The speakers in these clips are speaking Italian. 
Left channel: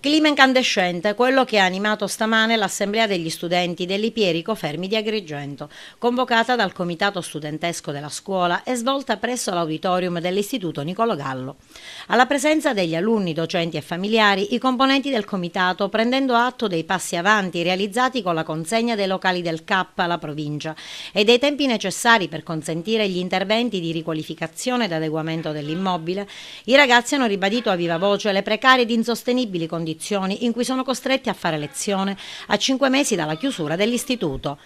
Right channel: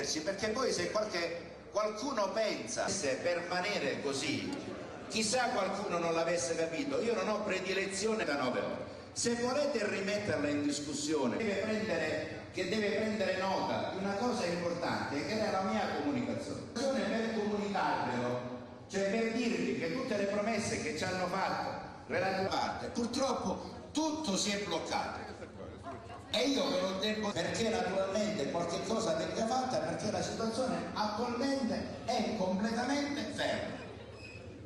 Clima incandescente, quello che ha animato stamane l'assemblea degli studenti dell'Ipierico Fermi di Agrigento, convocata dal comitato studentesco della scuola e svolta presso l'auditorium dell'Istituto Niccolò Gallo. Alla presenza degli alunni, docenti e familiari, i componenti del comitato, prendendo atto dei passi avanti realizzati con la consegna dei locali del CAP alla provincia e dei tempi necessari per consentire gli interventi di riqualificazione ed adeguamento dell'immobile, i ragazzi hanno ribadito a viva voce le precarie ed insostenibili condizioni in cui sono costretti a fare lezione a 5 mesi dalla chiusura dell'istituto.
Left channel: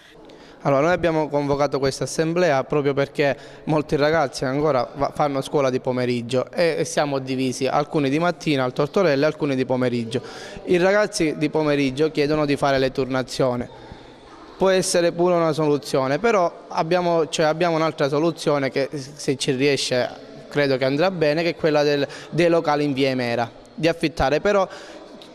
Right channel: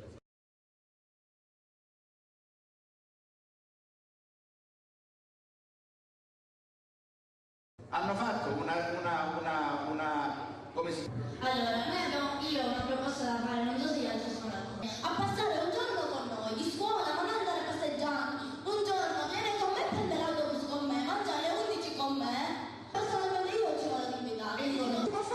Allora, noi abbiamo convocato questa assemblea proprio perché molti ragazzi ancora fanno scuola di pomeriggio e siamo divisi, alcuni di mattina al Tortorella e alcuni di pomeriggio. I ragazzi di pomeriggio chiedono di fare le turnazioni. Può essere pure una soluzione, però abbiamo un'altra soluzione che se ci riesce credo che andrà bene, che è quella dei locali in via Emera, di affittare, però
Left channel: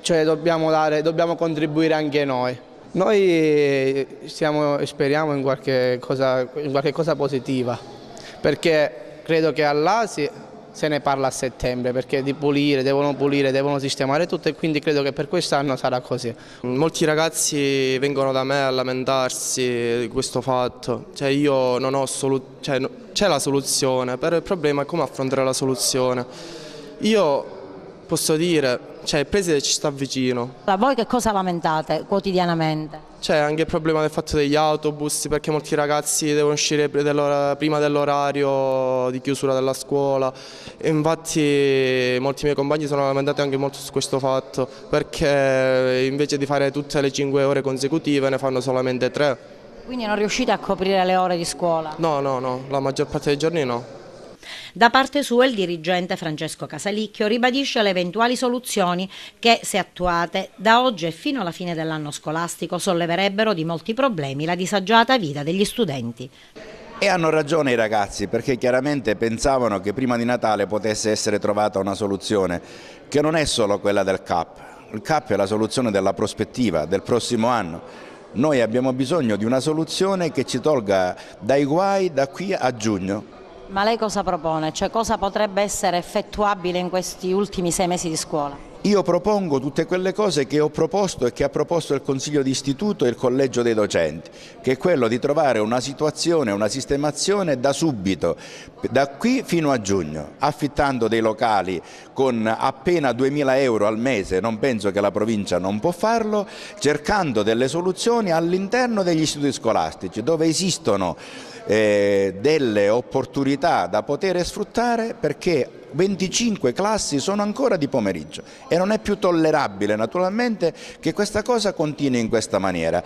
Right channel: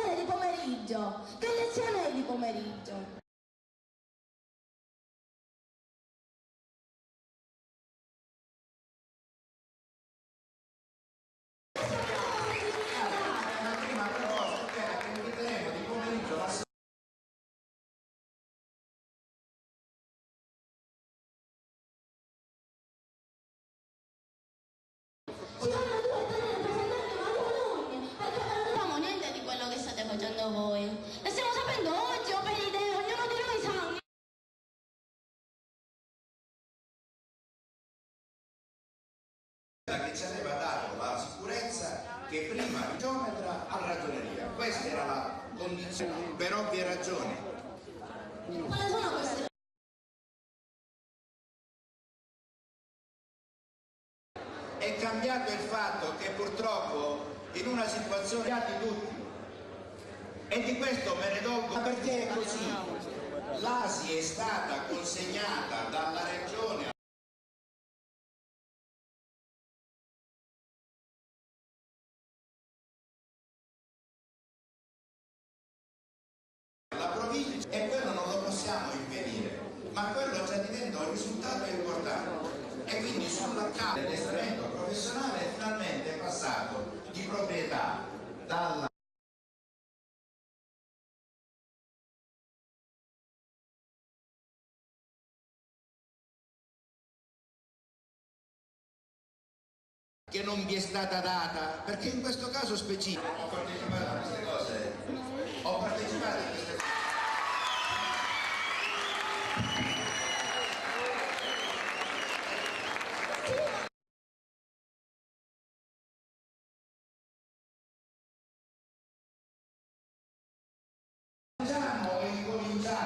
dobbiamo contribuire anche noi. Noi speriamo in qualche cosa positiva, perché credo che all'ASI se ne parla a settembre, perché devono sistemare tutto, e quindi credo che per quest'anno sarà così. Molti ragazzi vengono da me a lamentarsi di questo fatto, io non ho c'è la soluzione, però il problema è come affrontare la soluzione. Io posso dire, il preside ci sta vicino. Voi che cosa lamentate quotidianamente? C'è anche il problema del fatto degli autobus, perché molti ragazzi devono uscire prima dell'orario di chiusura della scuola. E infatti molti miei compagni sono lamentati anche molto su questo fatto, perché invece di fare tutte le 5 ore consecutive ne fanno solamente 3. Quindi non riuscite a coprire le ore di scuola? No, la maggior parte dei giorni no. Da parte sua il dirigente Francesco Casalicchio ribadisce le eventuali soluzioni che, se attuate, da oggi e fino alla fine dell'anno scolastico solleverebbero di molti problemi la disagiata vita degli studenti. E hanno ragione i ragazzi, perché chiaramente pensavano che prima di Natale potesse essere trovata una soluzione che non è solo quella del CAP. Il CAP è la soluzione della prospettiva del prossimo anno. Noi abbiamo bisogno di una soluzione che ci tolga dai guai da qui a giugno. Ma lei cosa propone? Cosa potrebbe essere effettuabile in questi ultimi 6 mesi di scuola? Io propongo tutte quelle cose che ho proposto e che ha proposto il Consiglio di Istituto e il Collegio dei Docenti, che è quello di trovare una situazione, una sistemazione da subito, da qui fino a giugno, affittando dei locali con appena 2.000 euro al mese, non penso che la provincia non può farlo, cercando delle soluzioni all'interno degli istituti scolastici, dove esistono delle opportunità da poter sfruttare, perché 25 classi sono ancora di pomeriggio e non è più tollerabile naturalmente che questa cosa continui in questa maniera.